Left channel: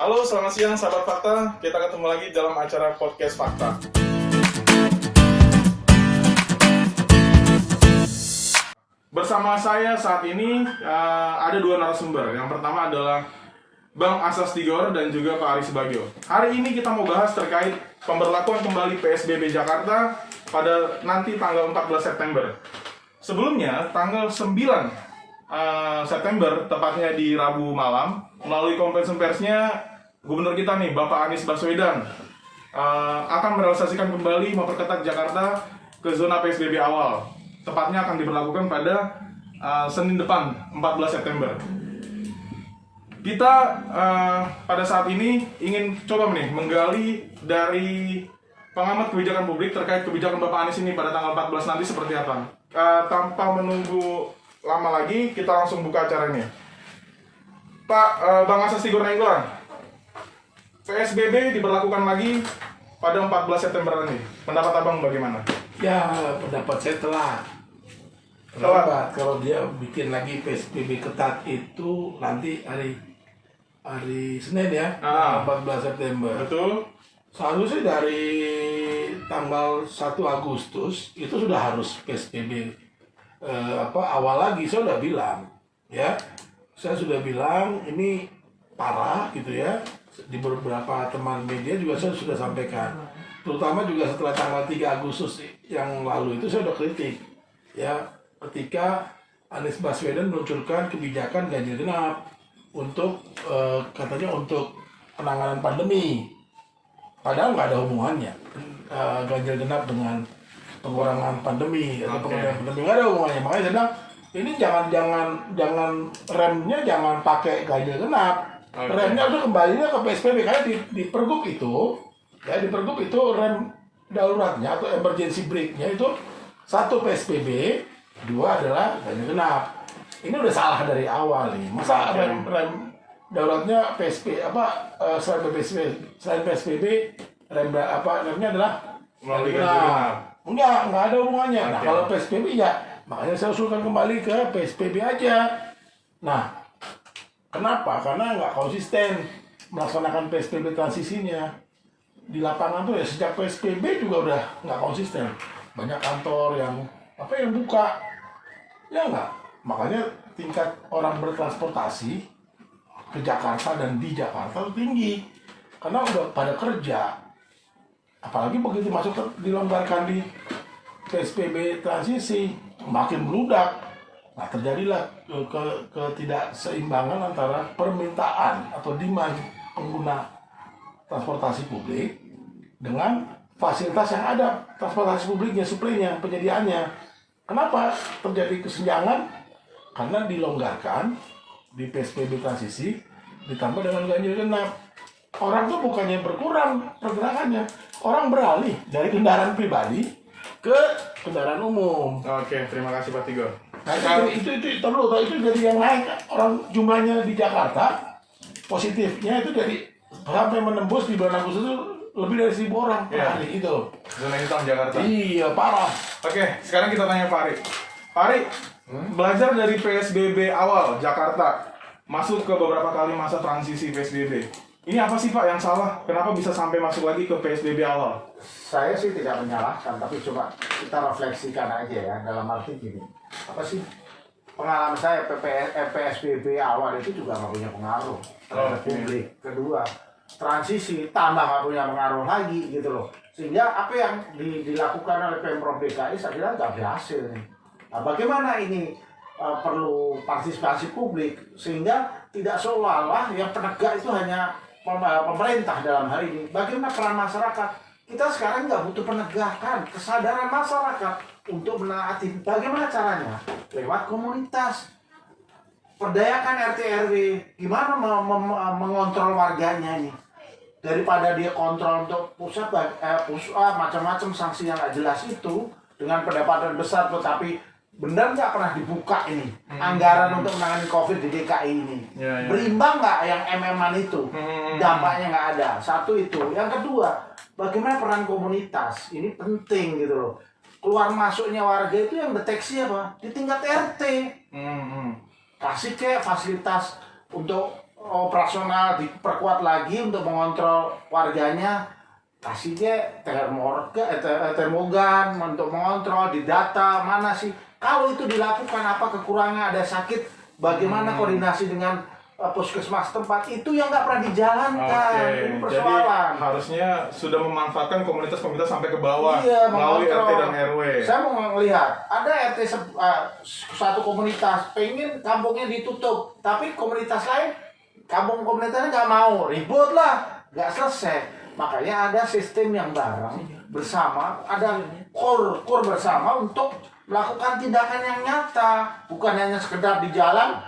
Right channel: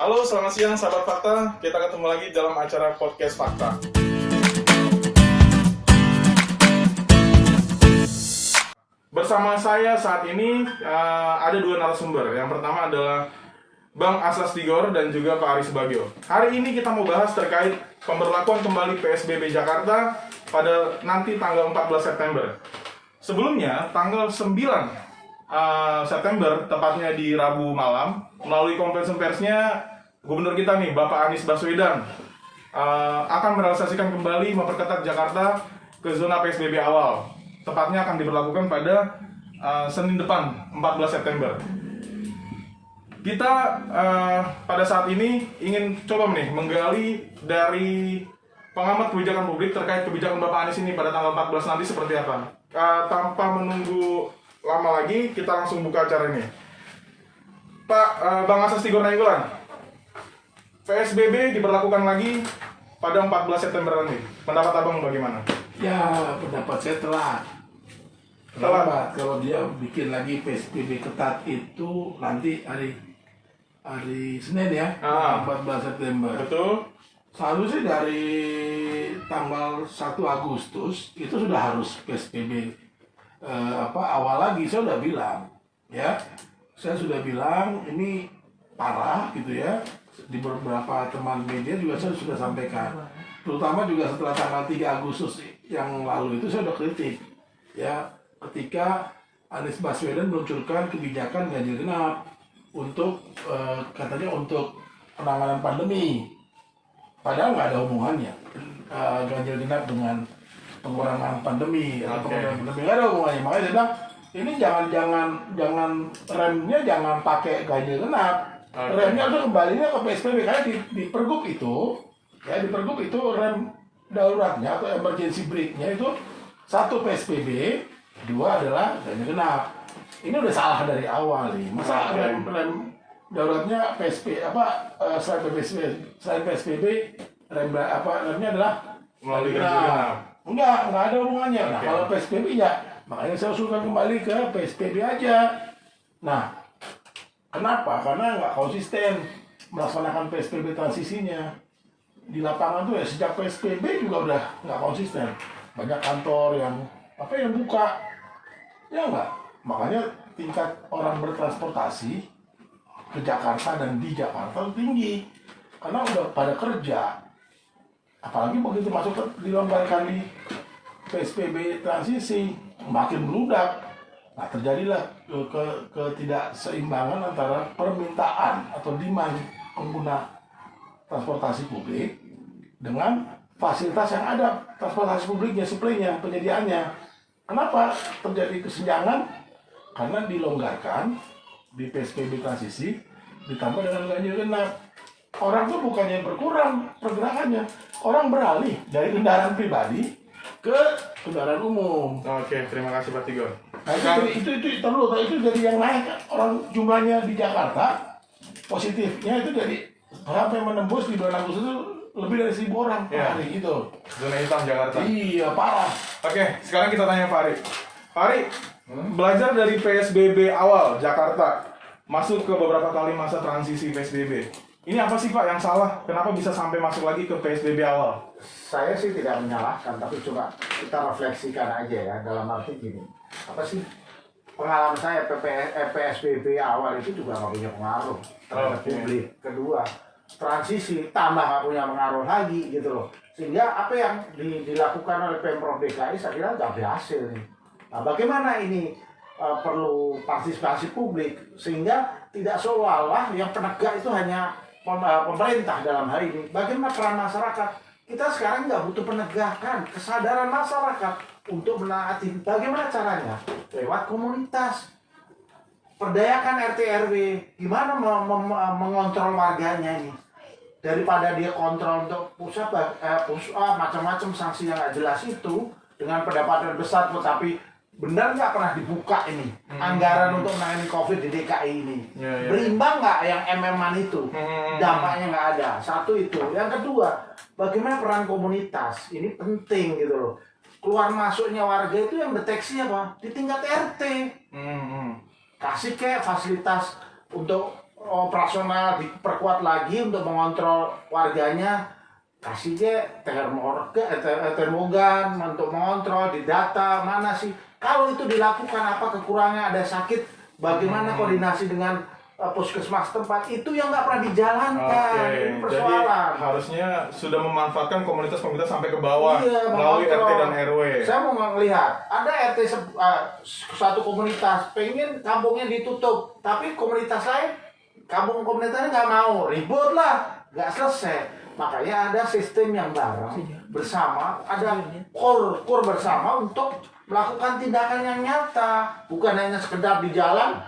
Halo, selamat siang sahabat Fakta. Kita ketemu lagi dalam acara podcast Fakta. Bersama saya saat ini ada dua narasumber. Yang pertama adalah Bang Asas Tigor dan juga Pak Aris Bagio. Hari ini kita mau bahas terkait pemberlakuan kembali PSBB Jakarta pada nanti tanggal 14 September. Sebelumnya, tanggal 9 September, tepatnya di Rabu malam, melalui konferensi persnya, Gubernur kita nih, Bapak Anies Baswedan, akan merealisasikan kembali memperketat Jakarta ke zona PSBB awal. Tepatnya akan diberlakukan pada Senin depan, 14 September. Kita pada saat ini ingin coba nih menggali dari pengamat kebijakan publik terkait kebijakan Bapak Anies ini pada tanggal 14 nanti seperti apa. Tanpa menunggu lama lagi, kita langsung buka acara ini. Pak Bang Asas Tigor Nainggolan, PSBB diberlakukan lagi pada 14 September nanti. Pendapat Abang bagaimana? Ya, pendapat saya telat. Lambat. Kalau dia bikin lagi PSBB ketat itu nanti hari Senin ya, 14 September. Betul. Seharusnya dari tanggal 1 Agustus itu sudah harus PSBB awal lagi. Saya sudah bilang, ya, saya sudah bilang ini parah gitu ya. Di beberapa teman media juga saya sudah sampaikan, terutama juga setelah tanggal 3 Agustus yang lalu itu saya sudah kritik, ya, ketika Anies Baswedan meluncurkan kebijakan ganjil genap untuk katanya untuk penanganan pandemi, padahal nggak ada hubungannya ganjil genap dengan pengurangan pandemi atau pengurangan pandemi, nggak ada hubungannya. Makanya saya bilang ini jangan remnya jangan pakai ganjil genap. Remnya udah kembalinya ke PSBB karena di Pergub itu, ya, di Pergub itu rem daruratnya atau emergency brake-nya itu 1 PSBB, 2 adalah ganjil genap. Ini udah salah dari awal nih. Masa rem daruratnya selain PSBB remnya adalah Melalui ganjil genap. Enggak ada hubungannya. Nah, kalau PSBB ya, makanya saya usulkan kembali ke PSBB aja. Nah, kenapa? Karena nggak konsisten melaksanakan PSBB transisinya. Di lapangan tuh ya sejak PSBB juga udah nggak konsisten. Banyak kantor yang buka, ya nggak. Makanya tingkat orang bertransportasi ke Jakarta dan di Jakarta tinggi. Karena udah pada kerja. Apalagi begitu masuk dilonggarkan di PSBB transisi, makin meludak. Nah, terjadilah ketidakseimbangan antara permintaan atau demand pengguna transportasi publik dengan fasilitas yang ada, transportasi publiknya, suplainya, penyediaannya. Kenapa terjadi kesenjangan? Karena dilonggarkan di PSBB transisi ditambah dengan ganjil genap. Orang tuh bukannya berkurang pergerakannya, orang beralih dari kendaraan pribadi ke kendaraan umum. Oke, terima kasih Pak Tigor. Nah, itu jadi yang naik orang jumlahnya di Jakarta positifnya itu jadi sampai menembus di bulan Agustus itu lebih dari 1.000 orang per hari itu. Zona hitam Jakarta. Iya, parah. Oke, sekarang kita tanya Pak Ari. Pak Ari, belajar dari PSBB awal Jakarta masuk ke beberapa kali masa transisi PSBB. Ini apa sih Pak yang salah? Kenapa bisa sampai masuk lagi ke PSBB awal? Saya sih tidak menyalahkan, tapi coba kita refleksikan aja ya, dalam arti gini. Apa sih pengalaman saya PSBB awal itu juga nggak punya pengaruh terhadap publik. Kedua, transisi tambah nggak punya pengaruh lagi gitu loh. Sehingga apa yang dilakukan oleh Pemprov DKI saya kira nggak berhasil nih. Nah, bagaimana ini perlu partisipasi publik sehingga tidak seolah-olah yang penegak itu hanya pemerintah dalam hal ini. Bagaimana peran masyarakat? Kita sekarang nggak butuh penegakan, kesadaran masyarakat untuk menaati. Bagaimana caranya? Lewat komunitas. Perdayakan RT RW. Gimana mengontrol warganya ini? Daripada dia kontrol untuk pusat macam-macam sanksi yang nggak jelas itu dengan pendapatan besar tetapi benar nggak pernah dibuka ini anggaran untuk menangani COVID di DKI ini. Berimbang nggak yang MM-an itu? Dampaknya nggak ada. Satu itu. Yang kedua, bagaimana peran komunitas? Ini penting gitu loh. Keluar masuknya warga itu yang deteksi apa? Di tingkat RT. Kasih kayak fasilitas untuk operasional diperkuat lagi untuk mengontrol warganya, kasih aja termogan untuk mengontrol di data mana sih. Kalau itu dilakukan, apa kekurangan, ada sakit, bagaimana koordinasi dengan puskesmas tempat, itu yang nggak pernah dijalankan. Oke, Ini jadi persoalan. harusnya sudah memanfaatkan komunitas-komunitas sampai ke bawah Iya, melalui RT mengontrol. dan RW. Saya mau melihat ada RT suatu komunitas pengen kampungnya ditutup, tapi komunitas lain komunitasnya nggak mau, ribut lah, nggak selesai. Makanya ada sistem yang bareng bersama, ada core bersama untuk melakukan tindakan yang nyata, bukan hanya sekedar di jalan.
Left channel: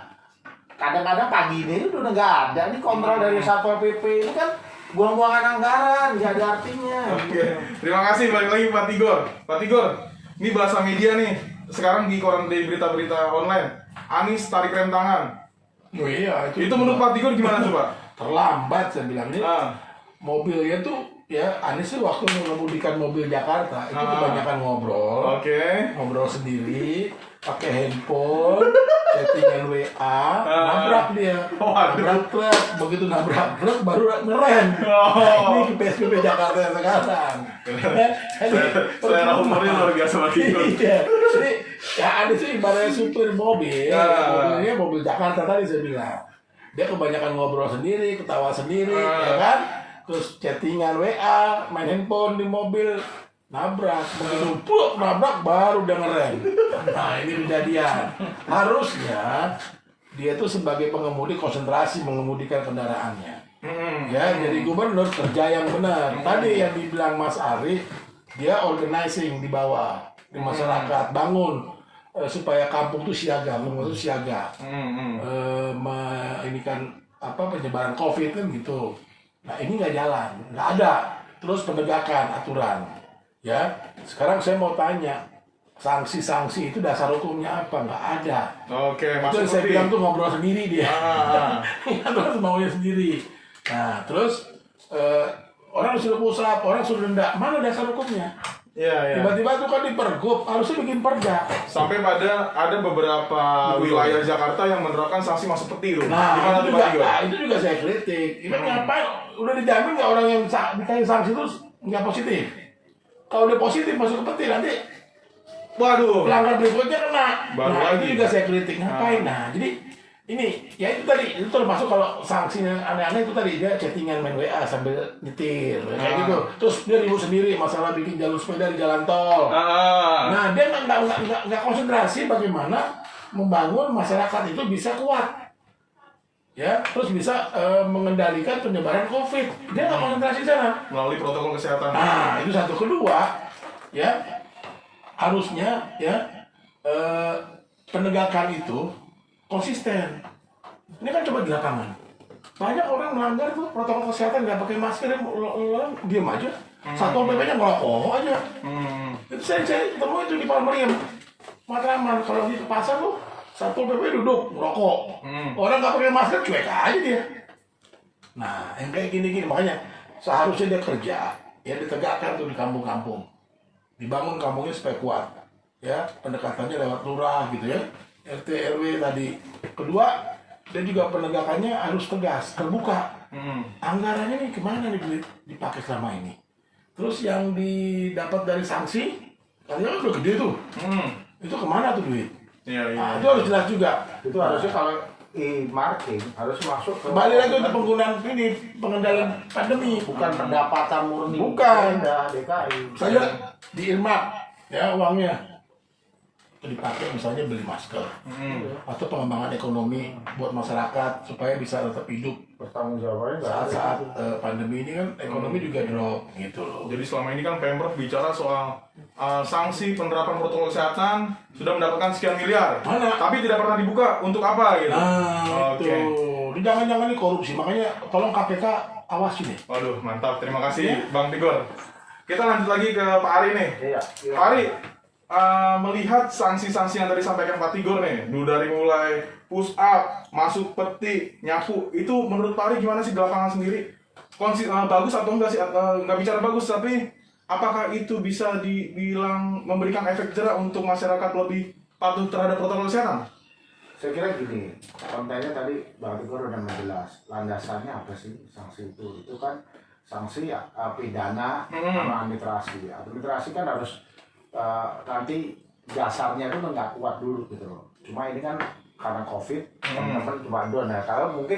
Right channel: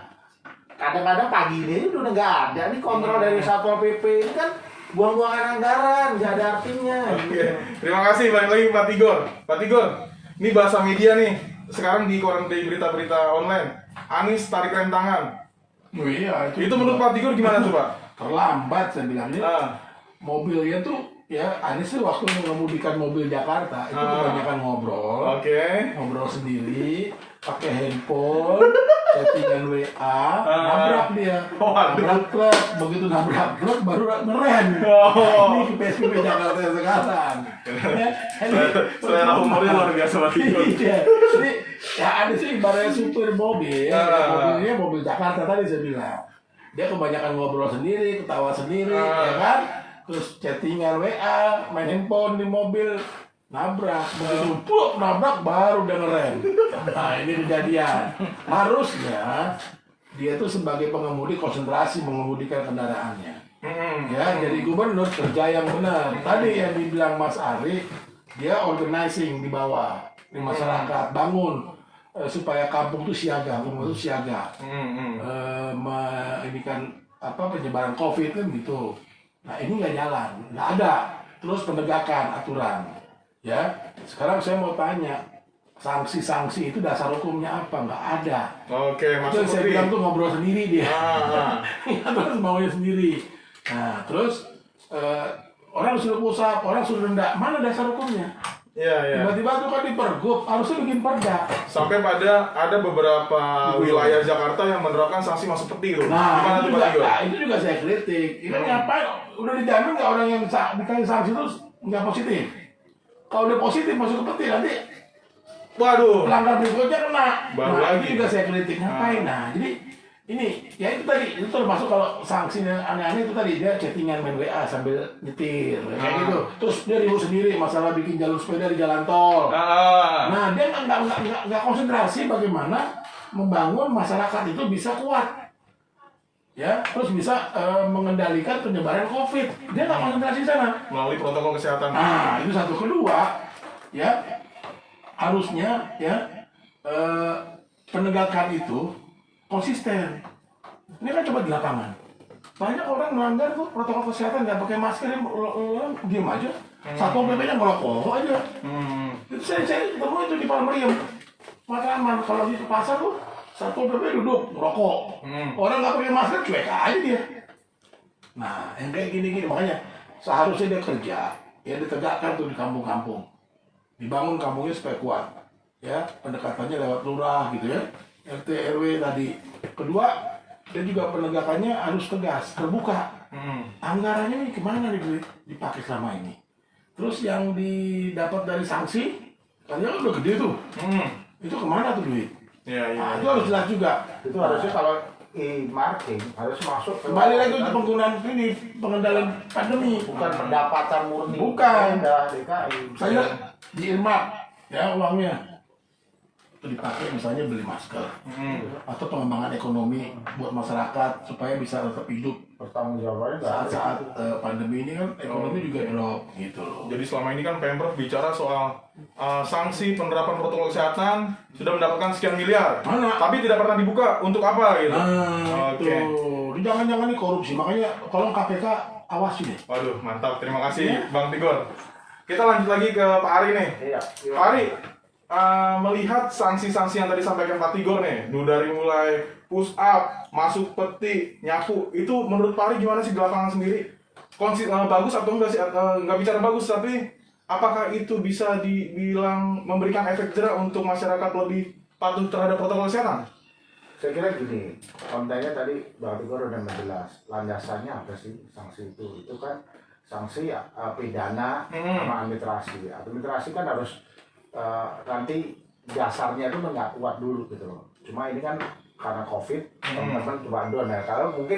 Kadang-kadang pagi ini udah nggak ada nih kontrol dari Satpol PP, ini kan buang-buangan anggaran, nggak ada artinya. Oke, terima kasih. Balik lagi Pak Tigor. Pak Tigor, ini bahasa media nih. Sekarang di koran, di berita-berita online, Anies tarik rem tangan. Oh iya, Itu menurut Pak Tigor gimana coba? terlambat saya bilang ini. Mobilnya tuh ya Anies tuh waktu mengemudikan mobil Jakarta itu kebanyakan ngobrol sendiri, pakai handphone, chattingan WA, nabrak dia, nabrak truk, begitu nabrak truk baru ngerem. Ini PSBB Jakarta yang sekarang. Selera humornya luar biasa Pak Tigor. Iya. Jadi ya Anies itu ibaratnya supir mobil, mobilnya mobil Jakarta tadi saya bilang. Dia kebanyakan ngobrol sendiri, ketawa sendiri, ya kan? Terus chattingan WA, main handphone di mobil, nabrak. Begitu nabrak baru dia ngerem. Nah ini kejadian. Harusnya dia tuh sebagai pengemudi konsentrasi mengemudikan kendaraannya. Ya jadi gubernur kerja yang benar. Tadi yang dibilang Mas Ari, dia organizing di bawah di masyarakat, bangun supaya kampung itu siaga, rumah itu siaga. Ini kan apa penyebaran COVID kan gitu. Nah ini nggak jalan, nggak ada. Terus penegakan aturan, ya. Sekarang saya mau tanya, sanksi-sanksi itu dasar hukumnya apa? Nggak ada. Oke, Itu Mas saya Putri. bilang tuh ngobrol sendiri dia. Terus maunya sendiri. Nah terus orang suruh pusat, orang suruh rendah, mana dasar hukumnya? Iya. Tiba-tiba tuh kan di pergub, harusnya bikin perda. Sampai pada ada beberapa wilayah Jakarta yang menerapkan sanksi masuk peti loh. Gimana tuh Pak Tigor? Itu juga saya kritik. Ini ngapain? Udah dijamin nggak orang yang dikasih sanksi itu nggak positif? Kalau dia positif masuk ke peti nanti Waduh. pelanggar berikutnya kena. Baru Nah, lagi. itu juga saya kritik. Ngapain? Nah, jadi ini ya itu tadi itu termasuk kalau sanksi yang aneh-aneh itu tadi dia chattingan main WA sambil nyetir kayak gitu. Terus dia ribut sendiri masalah bikin jalur sepeda di jalan tol. Nah dia nggak konsentrasi bagaimana membangun masyarakat itu bisa kuat, ya terus bisa mengendalikan penyebaran COVID. Dia nggak konsentrasi di sana. Melalui protokol kesehatan. Nah itu satu. Kedua, ya harusnya ya penegakan itu konsisten. Ini kan coba di lapangan. Banyak orang melanggar tuh protokol kesehatan, nggak pakai masker, diam aja. Satpol PP-nya ngerokok aja. Itu saya ketemu itu di Palmeriam, Matraman. Kalau di pasar tuh Satpol PP duduk ngerokok. Orang nggak pakai masker cuek aja dia. Nah, yang kayak gini-gini makanya seharusnya dia kerja, ya ditegakkan tuh di kampung-kampung, dibangun kampungnya supaya kuat. Ya pendekatannya lewat lurah gitu ya. RT RW tadi. Kedua, dan juga penegakannya harus tegas, terbuka. Anggarannya nih kemana nih duit dipakai selama ini? Terus yang didapat dari sanksi, karena kan udah gede tuh. Itu kemana tuh duit? Iya. Nah, itu harus jelas juga. Itu harusnya kalau e-marketing harus masuk ke Kembali lagi untuk penggunaan ini pengendalian pandemi. bukan pendapatan murni. Bukan. DKI. Saya di Irmak ya uangnya itu dipakai misalnya beli masker atau pengembangan ekonomi buat masyarakat supaya bisa tetap hidup Bertanggung jawabannya nggak ada. saat pandemi ini kan ekonomi juga drop gitu loh. Jadi selama ini kan Pemprov bicara soal sanksi penerapan protokol kesehatan sudah mendapatkan sekian miliar. Mana? Tapi tidak pernah dibuka untuk apa gitu. Nah, Oke. itu. Jangan-jangan ini korupsi, makanya tolong KPK awasi deh. Waduh, mantap. Terima kasih Bang Tigor. Kita lanjut lagi ke Pak Ari nih. Iya. Pak Ari, melihat sanksi-sanksi yang tadi sampaikan Pak Tigor nih, dulu dari mulai push up, masuk peti, nyapu, itu menurut Pak Ari gimana sih di lapangan sendiri? Bagus atau enggak sih? Nggak bicara bagus, tapi apakah itu bisa dibilang memberikan efek jerah untuk masyarakat lebih patuh terhadap protokol kesehatan? saya kira gini, kontennya tadi Bang Tigor udah menjelas landasannya apa sih sanksi itu kan sanksi pidana sama administrasi. Administrasi kan harus nanti dasarnya itu nggak kuat dulu gitu loh. Cuma ini kan karena COVID teman-teman coba down ya.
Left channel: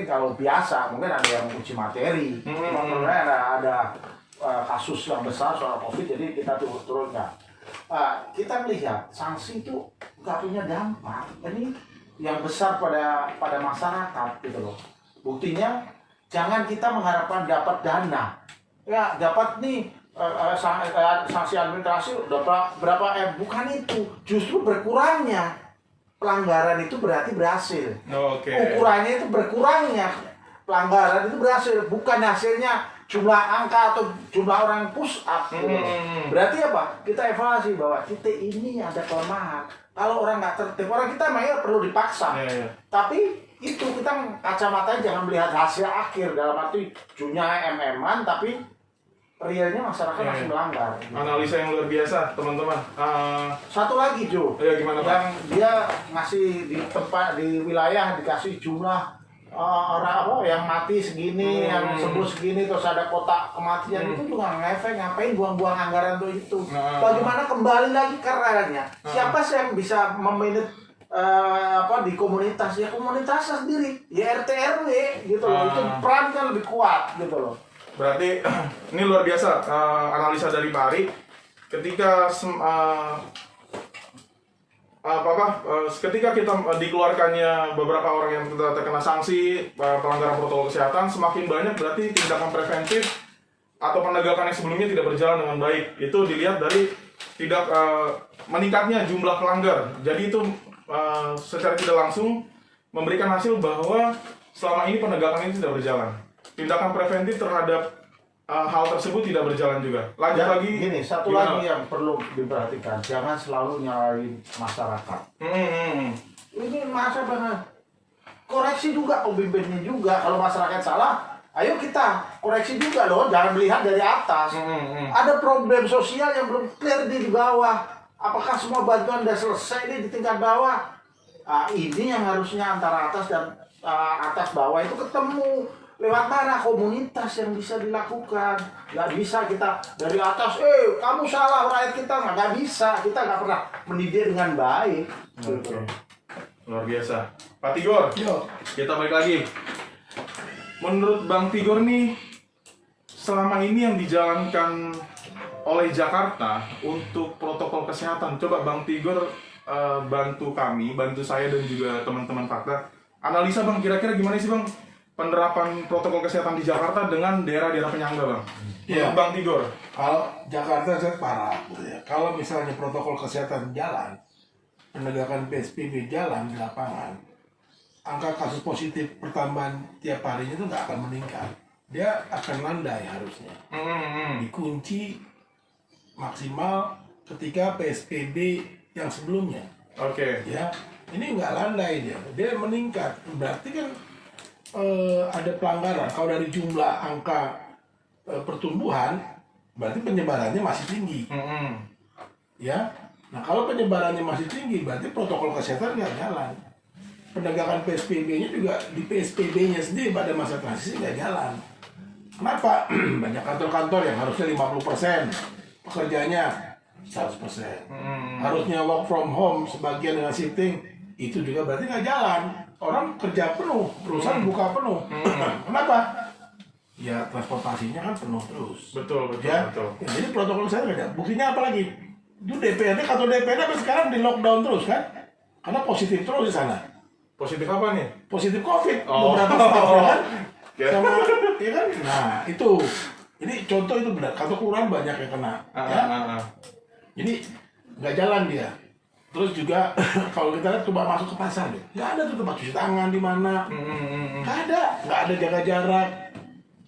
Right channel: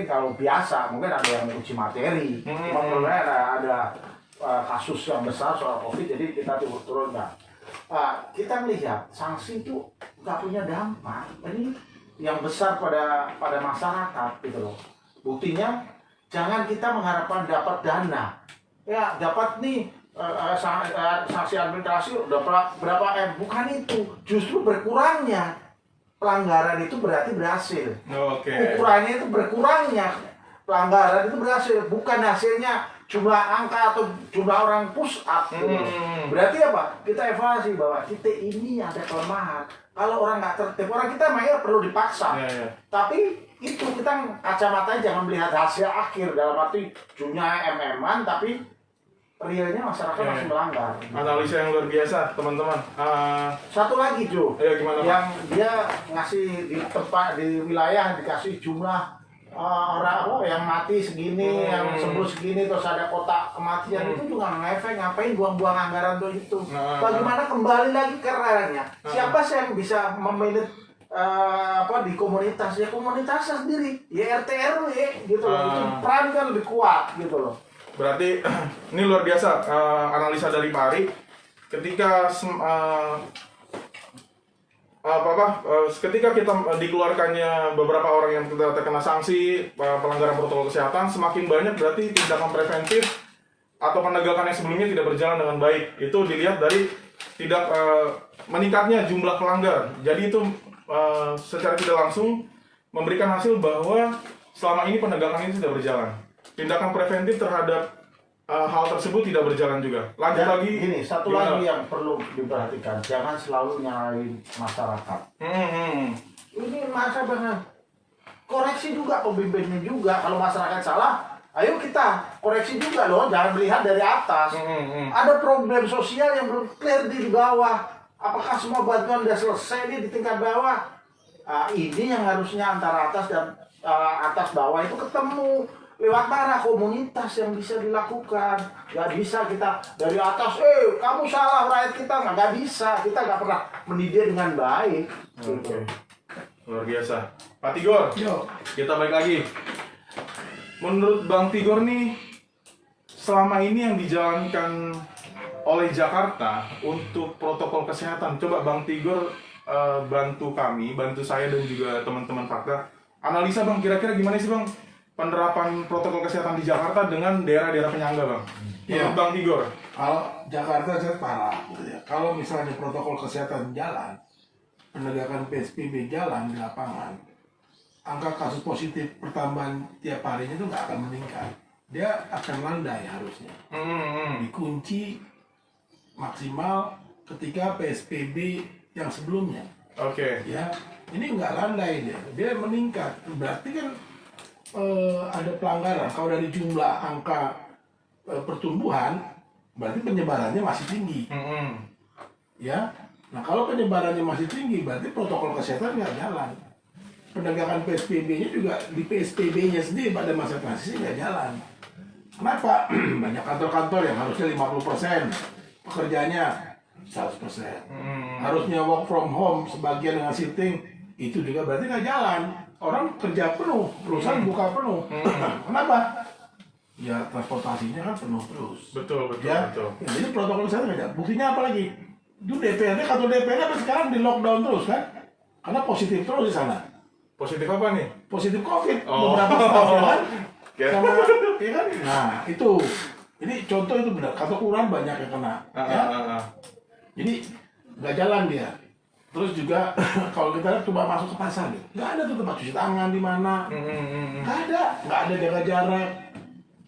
Kalau biasa mungkin ada yang uji materi, cuma kalau ada kasus yang besar soal COVID jadi kita turunkan. Kita melihat sanksi itu nggak punya dampak. Ini yang besar pada masyarakat gitu loh. Buktinya jangan kita mengharapkan dapat dana. Ya dapat nih sanksi administrasi udah berapa bukan itu. Justru berkurangnya pelanggaran itu berarti berhasil. Ukurannya itu berkurangnya pelanggaran itu berhasil, bukan hasilnya jumlah angka atau jumlah orang push up. Berarti apa? Kita evaluasi bahwa kita ini ada kelemahan. Kalau orang nggak tertib, orang kita memang perlu dipaksa. Tapi itu kita kacamatanya jangan melihat hasil akhir dalam arti jumlah MM-an, tapi realnya masyarakat masih melanggar. Analisa yang luar biasa, teman-teman. Satu lagi, Jo. Ya, gimana, Pak? Yang dia ngasih di tempat di wilayah dikasih jumlah orang yang mati segini, yang sembuh segini, terus ada kotak kematian itu juga ngefek, ngapain buang-buang anggaran untuk itu? Bagaimana kembali lagi ke ranahnya? Siapa sih yang bisa memanage di komunitas? Ya komunitasnya sendiri, ya RT RW gitu loh. Itu peran kan lebih kuat gitu loh. Berarti ini luar biasa analisa dari Pak Ari. Ketika ketika kita dikeluarkannya beberapa orang yang terkena sanksi pelanggaran protokol kesehatan, semakin banyak berarti tindakan preventif atau penegakan yang sebelumnya tidak berjalan dengan baik. Itu dilihat dari tidak meningkatnya jumlah pelanggar. Jadi itu secara tidak langsung memberikan hasil bahwa selama ini penegakan ini tidak berjalan. Tindakan preventif terhadap hal tersebut tidak berjalan juga. Lanjut lagi. Gini, satu lagi yang perlu diperhatikan, jangan selalu nyalahin masyarakat. Ini masyarakat koreksi juga pemimpinnya juga. Kalau masyarakat salah, ayo kita koreksi juga loh. Jangan melihat dari atas. Ada problem sosial yang belum clear di bawah. Apakah semua bantuan sudah selesai di tingkat bawah? Ini yang harusnya antara atas dan atas bawah itu ketemu. Lewat mana komunitas yang bisa dilakukan. Nggak bisa kita dari atas, kamu salah rakyat kita. Nggak bisa, kita nggak pernah mendidik dengan baik. Oke. Luar biasa. Pak Tigor, kita balik lagi. Menurut Bang Tigor nih, selama ini yang dijalankan oleh Jakarta untuk protokol kesehatan, coba Bang Tigor bantu kami, bantu saya dan juga teman-teman Fakta. Analisa Bang, kira-kira gimana sih Bang penerapan protokol kesehatan di Jakarta dengan daerah-daerah penyangga, Bang? Menurut Bang Tigor. Kalau Jakarta saya parah. Kalau misalnya protokol kesehatan jalan, penegakan PSBB jalan di lapangan, angka kasus positif pertambahan tiap harinya itu nggak akan meningkat. Dia akan landai harusnya. Dikunci maksimal ketika PSBB yang sebelumnya. Ya, ini nggak landai dia meningkat. Berarti kan ada pelanggaran. Kalau dari jumlah angka pertumbuhan, berarti penyebarannya masih tinggi. Ya, nah kalau penyebarannya masih tinggi, berarti protokol kesehatan nggak jalan. Penegakan PSBB-nya juga di PSBB-nya sendiri pada masa transisi nggak jalan. Kenapa? Banyak kantor-kantor yang harusnya 50% pekerjaannya 100%. Harusnya work from home sebagian dengan shifting, itu juga berarti nggak jalan. Orang kerja penuh, perusahaan buka penuh. Kenapa? Ya transportasinya kan penuh terus. Betul. Ya, jadi protokol kesehatan nggak jalan. Buktinya apa lagi? Itu DPRD, kantor DPRD sampai sekarang di lockdown terus kan? Karena positif terus di sana. Positif apa nih? Positif COVID. Beberapa stafnya kan? Sama, ya kan? Nah, itu. Ini contoh itu benar. Kantor kelurahan banyak yang kena. Jadi nggak jalan dia. Terus juga kalau kita lihat coba masuk ke pasar, nggak ada tuh tempat cuci tangan di mana. Nggak ada jaga jarak.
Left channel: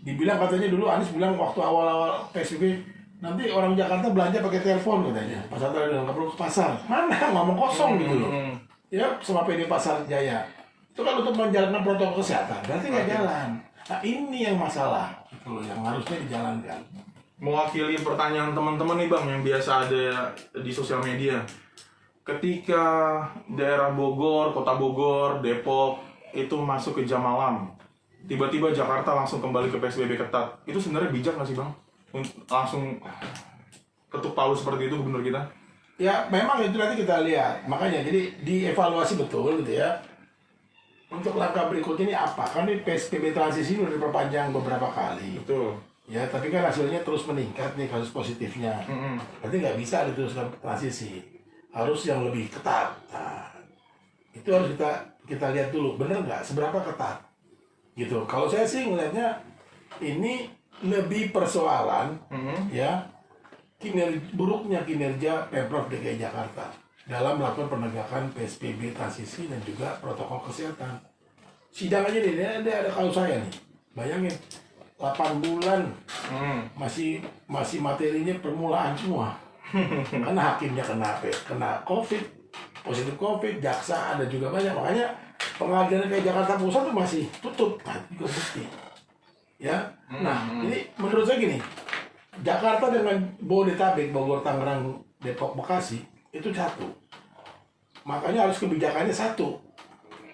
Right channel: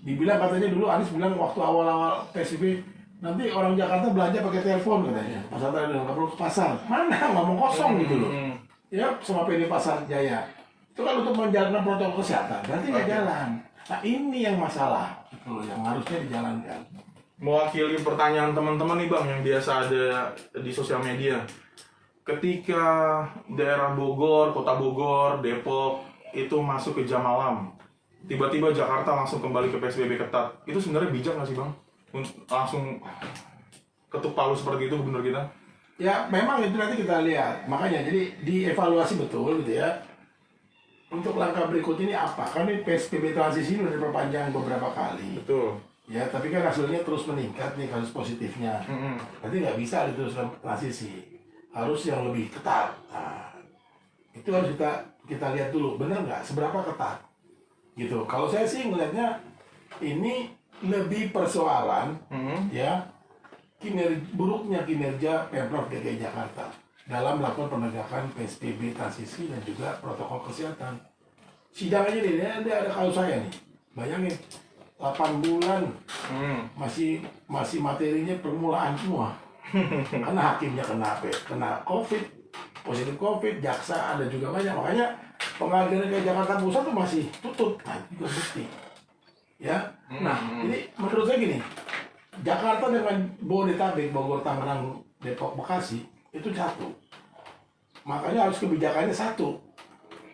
Dibilang katanya dulu Anies bilang waktu awal-awal PSBB, nanti orang Jakarta belanja pakai telepon katanya. Pasar tadi nggak perlu ke pasar. Mana ngomong kosong gitu loh. Ya sama PD Pasar Jaya. Itu kan untuk menjalankan protokol kesehatan, berarti nggak jalan. Nah ini yang masalah, gitu, yang harusnya dijalankan. Mewakili pertanyaan teman-teman nih Bang, yang biasa ada di sosial media. ketika daerah Bogor, kota Bogor, Depok itu masuk ke jam malam, tiba-tiba Jakarta langsung kembali ke PSBB ketat, itu sebenarnya bijak nggak sih Bang? Langsung ketuk palu seperti itu gubernur kita? Ya memang itu nanti kita lihat, makanya jadi dievaluasi betul gitu ya. Untuk langkah berikut ini apa? Kan ini PSBB transisi ini sudah diperpanjang beberapa kali. Betul. Ya, tapi kan hasilnya terus meningkat nih kasus positifnya. Berarti nggak bisa diteruskan transisi. Harus yang lebih ketat. Nah, itu harus kita lihat dulu, benar nggak? Seberapa ketat? Gitu. Kalau saya sih ngelihatnya ini lebih persoalan ya buruknya kinerja Pemprov DKI Jakarta dalam melakukan penegakan PSBB transisi dan juga protokol kesehatan. Sidang aja nih, ada kalau saya nih, bayangin 8 bulan masih materinya permulaan semua. Karena hakimnya kena COVID, positif COVID, jaksa ada juga banyak, makanya pengadilan kayak Jakarta Pusat tuh masih tutup, nah juga bukti. Ya, nah jadi menurut saya gini, Jakarta dengan Bodetabek, Bogor, Tangerang, Depok, Bekasi itu satu. Makanya harus kebijakannya satu.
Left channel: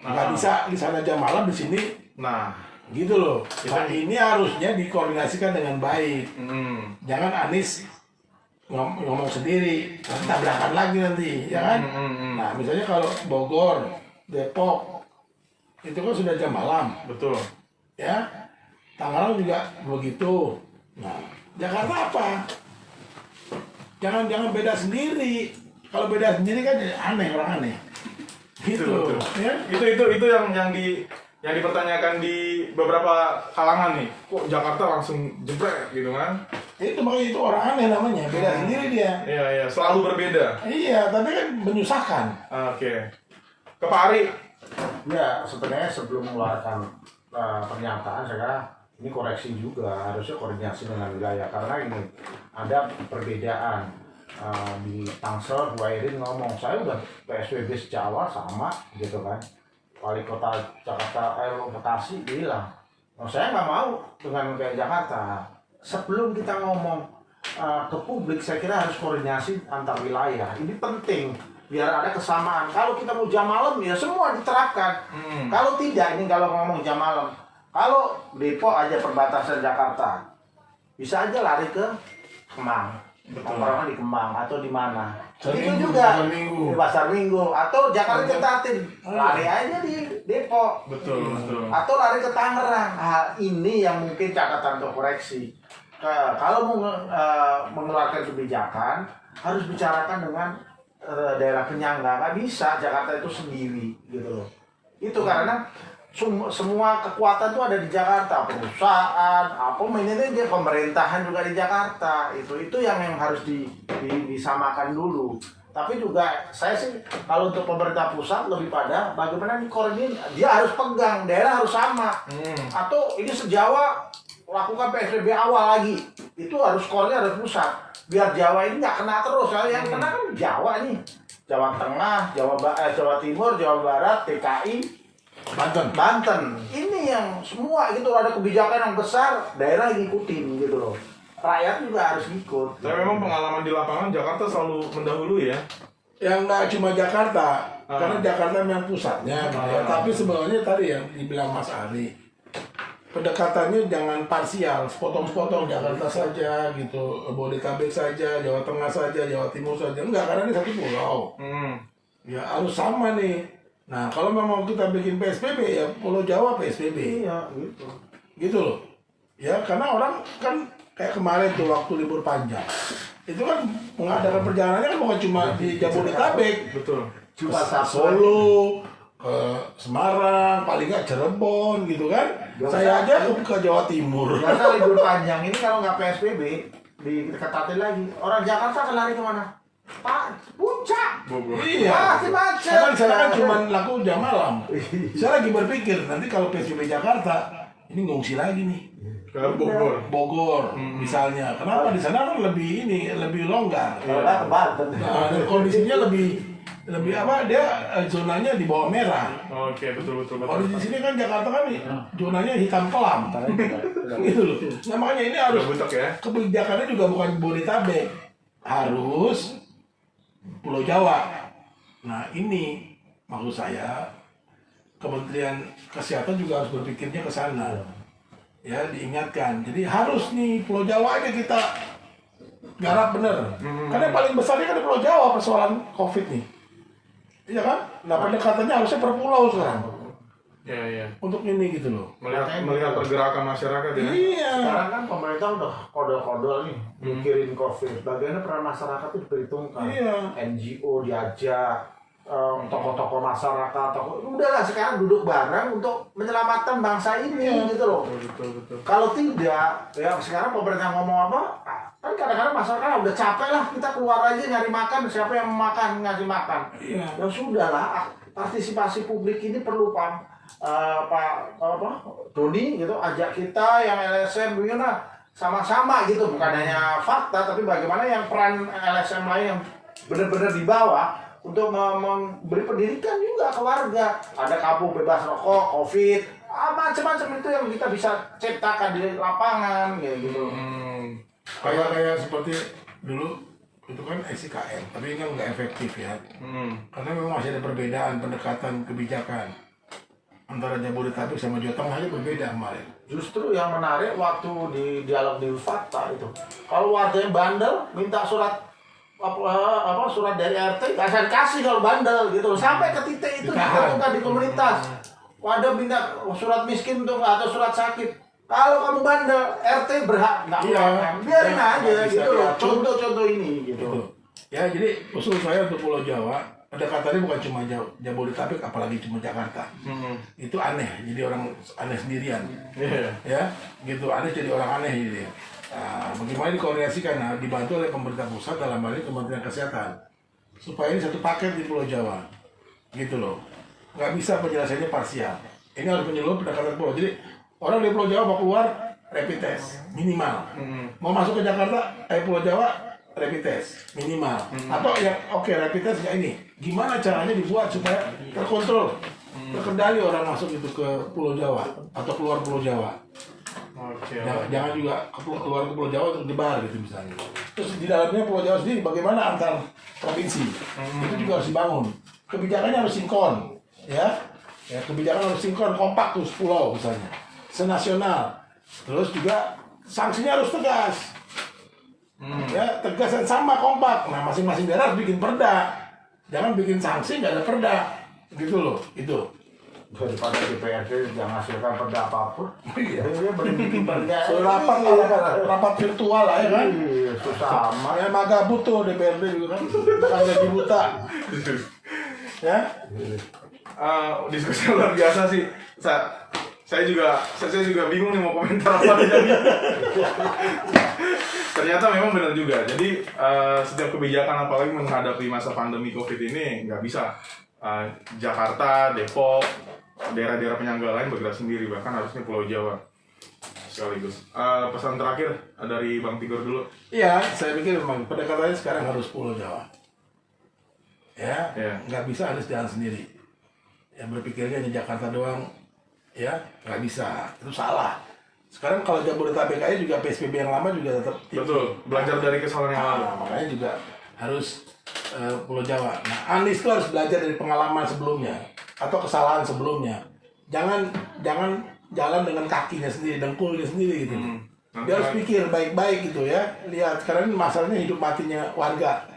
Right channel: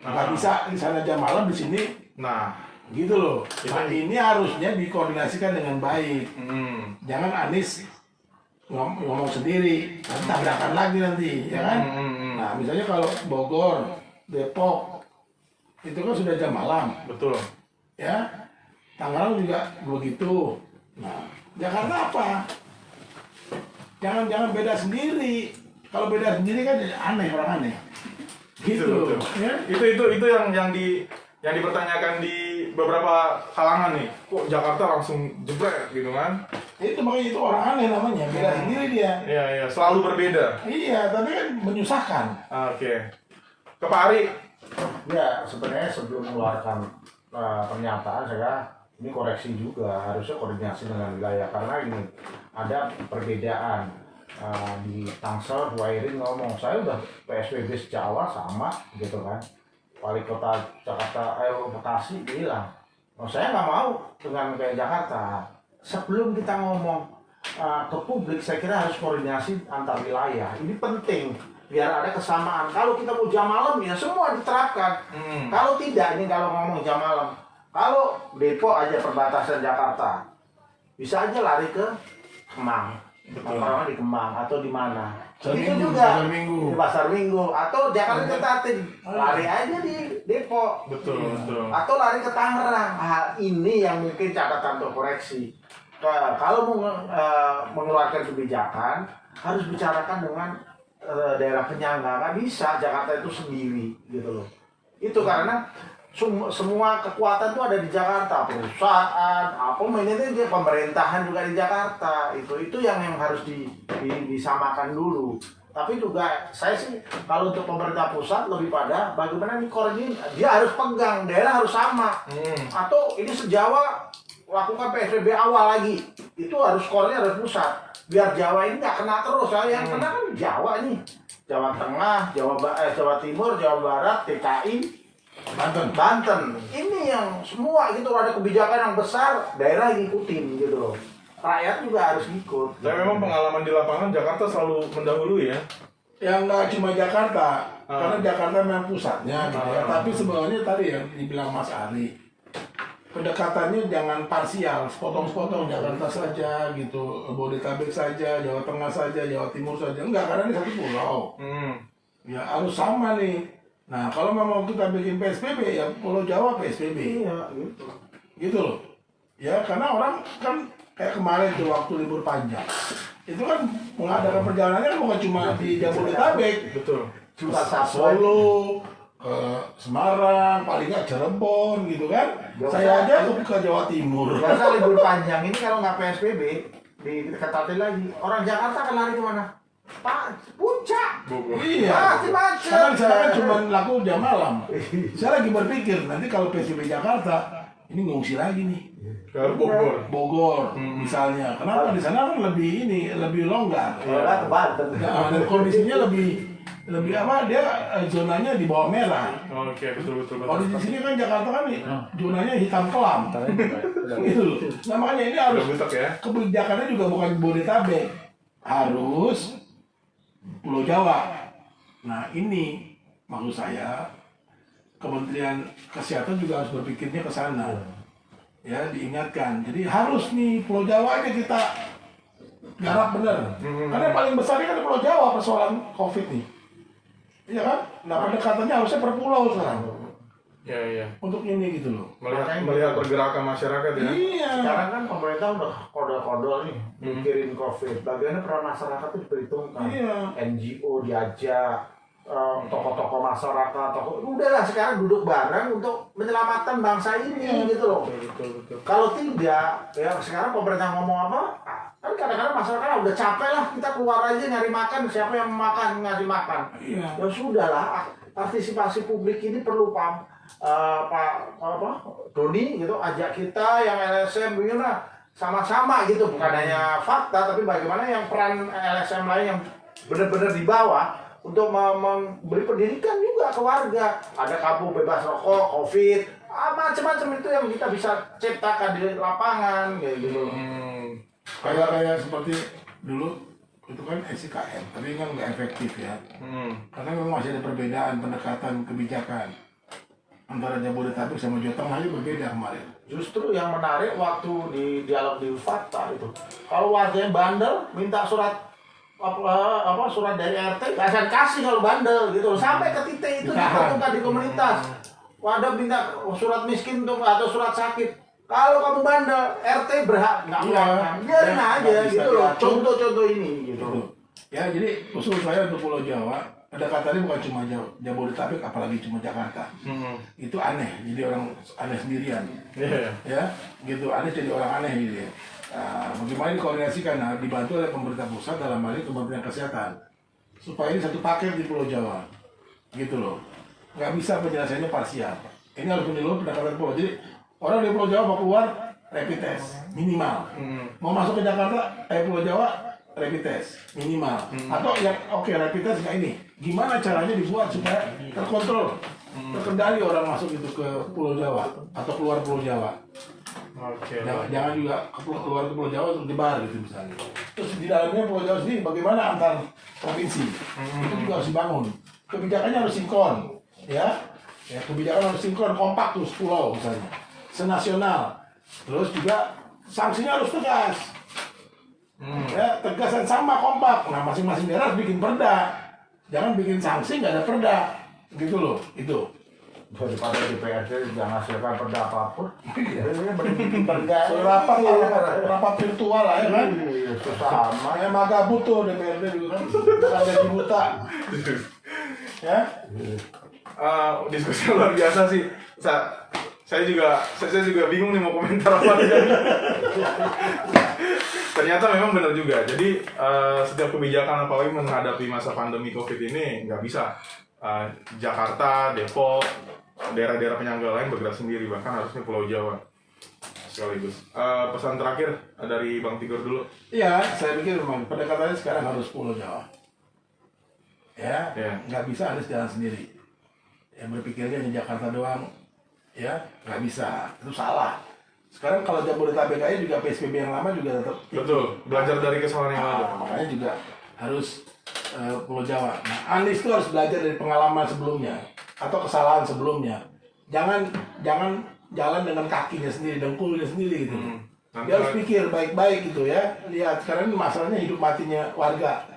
Nggak bisa di sana jam malam, di sini. Nah, Gitu loh. Nah ini harusnya dikoordinasikan dengan baik. Jangan Anies ngomong sendiri, nanti tabrakan lagi nanti, ya kan? Nah misalnya kalau Bogor, Depok, itu kan sudah jam malam. betul. Ya, Tangerang juga begitu. Nah, Jakarta apa? Jangan beda sendiri. Kalau beda sendiri kan aneh, orang aneh. Gitu. Betul. Ya? Itu yang dipertanyakan di beberapa kalangan nih. Kok Jakarta langsung jebret gitu kan? Itu makanya itu orang aneh namanya, beda sendiri dia. Iya, selalu berbeda. Iya, tapi kan menyusahkan. Oke. Ke Pak Ari. Ya, sebenarnya sebelum mengeluarkan pernyataan, saya ini koreksi juga, harusnya koordinasi dengan wilayah. Karena ini ada perbedaan di Tangsel, Bu Airin ngomong, saya udah PSBB sejak awal sama gitu kan. Wali kota Jakarta, Bekasi bilang, saya nggak mau dengan kayak Jakarta. Sebelum kita ngomong ke publik, saya kira harus koordinasi antar wilayah. Ini penting biar ada kesamaan. Kalau kita mau jam malam ya semua diterapkan. Kalau tidak, ini kalau ngomong jam malam, kalau Depok aja perbatasan Jakarta, bisa aja lari ke Kemang. Orang di Kemang atau di mana? Itu juga di Pasar Minggu atau Jakarta ketatin, lari aja di Depok. Betul. Atau lari ke Tangerang. Nah, ini yang mungkin catatan untuk koreksi. Kalau mau mengeluarkan kebijakan, harus bicarakan dengan daerah penyangga. Nggak bisa Jakarta itu sendiri gitu loh. Itu karena semua kekuatan itu ada di Jakarta, perusahaan, ini dia pemerintahan juga di Jakarta. Itu yang harus disamakan dulu. Tapi juga saya sih kalau untuk pemerintah pusat lebih pada bagaimana ini koordinasi, dia harus pegang, daerah harus sama. Atau ini sejawa lakukan PSBB awal lagi, itu harus koordinasi harus pusat. Biar Jawa ini nggak kena terus, yang kena kan Jawa nih, Jawa Tengah, Jawa Timur, Jawa Barat, DKI. Banten, ini yang semua gitu ada kebijakan yang besar, daerah ngikutin gitu loh. Rakyat juga harus ikut. Saya memang pengalaman di lapangan Jakarta selalu mendahului ya. Yang nggak cuma Jakarta, karena Jakarta memang pusatnya. Tapi sebenarnya tadi yang dibilang Mas Ari, pendekatannya jangan parsial, sepotong-sepotong Jakarta saja gitu, Bodetabek saja, Jawa Tengah saja, Jawa Timur saja. Enggak, karena ini satu pulau. Ya harus sama nih. Nah, kalau memang kita bikin PSBB ya Pulau Jawa PSBB. Iya, gitu. Gitu loh. Ya, karena orang kan kayak kemarin tuh waktu libur panjang. Itu kan mengadakan perjalanannya kan bukan cuma di Jabodetabek. Betul. Cuma Solo, ke Semarang, paling nggak Cirebon gitu kan. Saya aja ke Jawa Timur. Biasa libur panjang ini kalau nggak PSBB diketatin lagi. Orang Jakarta akan lari kemana? Pak, puncak. Bogor. Iya. Macet. Karena saya kan cuma laku jam malam. Saya lagi berpikir nanti kalau PSBB Jakarta ini ngungsi lagi nih. Ke Bogor. Misalnya. Kenapa di sana kan lebih longgar. Orang ke Banten. Nah, dan kondisinya lebih apa dia zonanya di bawah merah. Oke, betul. Kalau di sini kan Jakarta kan zonanya hitam kelam. Gitu loh. Nah makanya ini harus Butek ya. kebijakannya juga bukan Bodetabek, harus Pulau Jawa. Nah ini maksud saya Kementerian Kesehatan juga harus berpikirnya ke sana. Ya, diingatkan. Jadi harus nih Pulau Jawa ini kita garap bener. Karena yang paling besarnya kan Pulau Jawa persoalan COVID nih. Iya kan? Nah pendekatannya harusnya per pulau sekarang. Ya. Untuk ini gitu loh. Melihat pergerakan masyarakat ya. Iya. Sekarang kan pemerintah udah kode-kode nih mikirin COVID. Bagaimana peran masyarakat itu diperhitungkan. Iya. NGO diajak, tokoh-tokoh masyarakat, udahlah sekarang duduk bareng untuk menyelamatkan bangsa ini gitu loh. Betul. Kalau tidak, ya sekarang pemerintah ngomong apa? Kan kadang-kadang masyarakat udah capek lah, kita keluar aja nyari makan, siapa yang makan ngasih makan. Iya. Ya sudahlah, partisipasi publik ini perlu Pak Doni gitu, ajak kita yang LSM gimana sama-sama gitu, bukan hanya fakta tapi bagaimana yang peran LSM lain yang benar-benar di bawah untuk memberi pendidikan juga ke warga. Ada kampung bebas rokok, COVID, macam-macam itu yang kita bisa ciptakan di lapangan kayak gitu. Kayak seperti dulu itu kan SIKM, tapi kan nggak efektif ya. Karena memang masih ada perbedaan pendekatan kebijakan antara Jabodetabek sama Jawa Tengah aja berbeda kemarin. Justru yang menarik waktu di dialog di Fakta itu, kalau warga yang bandel minta surat surat dari RT kasih kalau bandel gitu loh. Sampai ke titik itu diperlukan di komunitas. Wadah minta surat miskin untuk atau surat sakit. Kalau kamu bandel, RT berhak nggak biarin aja gitu loh. Contoh-contoh ini gitu. Ya jadi usul saya untuk Pulau Jawa, pendekatannya bukan cuma Jabodetabek, apalagi cuma Jakarta. Itu aneh, jadi orang aneh sendirian. Ya, gitu aneh jadi orang aneh gitu ya. Nah, bagaimana dikoordinasikan? Nah, dibantu oleh pemerintah pusat dalam hal ini Kementerian Kesehatan supaya ini satu paket di Pulau Jawa, gitu loh. Nggak bisa penjelasannya parsial. Ini harus menyeluruh pendekatan pulau. Jadi orang dari Pulau Jawa mau keluar rapid test minimal, mau masuk ke Jakarta Pulau Jawa rapid test minimal, atau yang rapid test nggak ini. Gimana caranya dibuat supaya terkontrol, terkendali orang masuk itu ke Pulau Jawa atau keluar Pulau Jawa. Jangan juga keluar ke Pulau Jawa untuk nyebar gitu misalnya. Terus di dalamnya Pulau Jawa sendiri bagaimana antar provinsi itu juga harus dibangun. Kebijakannya harus sinkron, ya kebijakan harus sinkron, kompak tuh pulau misalnya, senasional. Terus juga sanksinya harus tegas, ya tegas dan sama kompak. Nah masing-masing daerah harus bikin perda, jangan bikin sanksi nggak ada perda, gitu loh itu. Daripada DPRD yang menghasilkan perda apapun, dia bikin perda. Rapat virtual lah ya kan? Susah amat. Kayak magabut tuh DPRD juga kan, gaji buta. Ya? Diskusi luar biasa sih. Saya juga bingung nih mau komentar apa nih. Ternyata memang benar juga. Jadi setiap kebijakan apalagi menghadapi masa pandemi COVID ini nggak bisa Jakarta, Depok, daerah-daerah penyangga lain bergerak sendiri, bahkan harusnya Pulau Jawa sekaligus. Pesan terakhir dari Bang Tigor dulu. Iya, saya pikir memang pendekatannya sekarang harus Pulau Jawa. Ya, nggak bisa harus jalan sendiri. Yang berpikirnya di Jakarta doang, ya nggak bisa, itu salah. Sekarang kalau Jabodetabek aja juga PSBB yang lama juga tetap. Betul, belajar dari kesalahan yang lalu. Makanya juga harus Pulau Jawa. Nah, Anies itu harus belajar dari pengalaman sebelumnya atau kesalahan sebelumnya. Jangan jalan dengan kakinya sendiri, dengkulnya sendiri gitu. Dia harus pikir baik-baik gitu ya. Lihat sekarang ini masalahnya hidup matinya warga.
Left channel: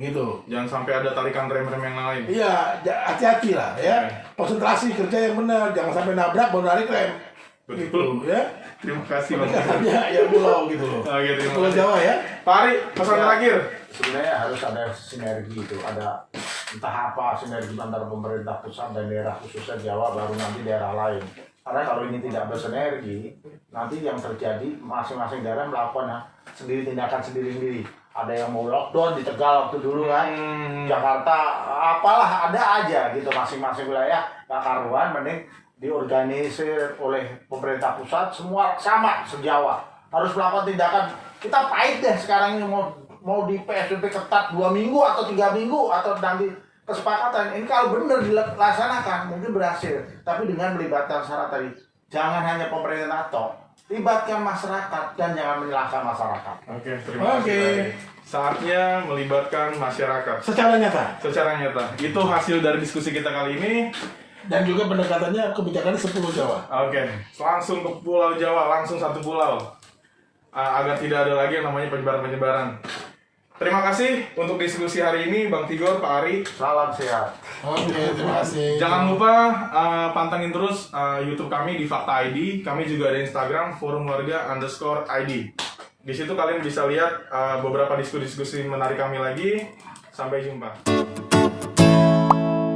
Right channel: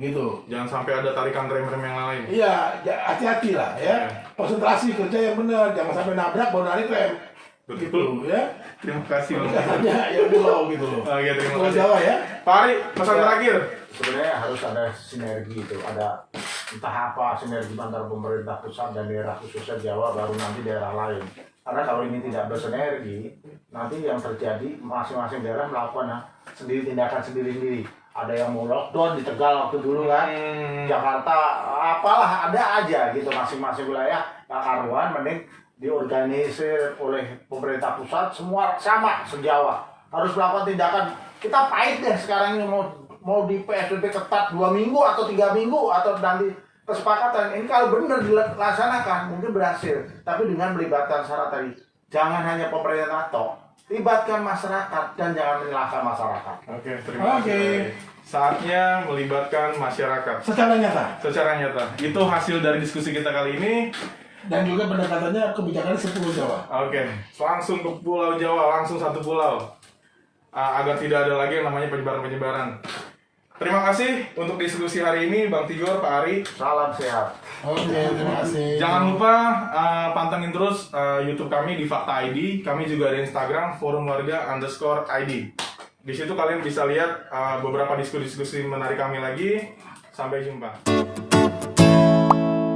Gitu. Jangan sampai ada tarikan rem-rem yang lain. Iya, hati-hati lah ya. Konsentrasi kerja yang benar, jangan sampai nabrak baru narik rem. Betul. Gitu, ya. Terima kasih Bang. Ya pulau gitu loh. Terima Pulau kasih. Jawa ya. Pak Ari, pesan terakhir. Sebenarnya harus ada sinergi itu, ada entah apa sinergi antara pemerintah pusat dan daerah khususnya Jawa, baru nanti daerah lain. Karena kalau ini tidak bersinergi, nanti yang terjadi masing-masing daerah melakukan sendiri tindakan sendiri-sendiri. Ada yang mau lockdown di Tegal waktu dulu kan, Jakarta, apalah ada aja gitu masing-masing wilayah gak karuan, mending diorganisir oleh pemerintah pusat semua sama se-Jawa. Harus melakukan tindakan. Kita pahit deh sekarang ini mau di PSBB ketat 2 minggu atau 3 minggu atau nanti kesepakatan. Ini kalau benar dilaksanakan mungkin berhasil. Tapi dengan melibatkan syarat tadi, jangan hanya pemerintah atau libatkan masyarakat dan jangan menyalahkan masyarakat. Oke, terima kasih. saatnya melibatkan masyarakat Secara nyata. secara nyata. Itu hasil dari diskusi kita kali ini. Dan juga pendekatannya kebijakan 10 Jawa. Oke, langsung ke Pulau Jawa, langsung satu pulau. Agar tidak ada lagi yang namanya penyebaran-penyebaran. Terima kasih untuk diskusi hari ini, Bang Tigor, Pak Ari. Salam sehat. Oke, terima kasih. Jangan lupa pantengin terus YouTube kami di Fakta ID. Kami juga ada Instagram, forumwarga_ID. Di situ kalian bisa lihat beberapa diskusi-diskusi menarik kami lagi. Sampai jumpa.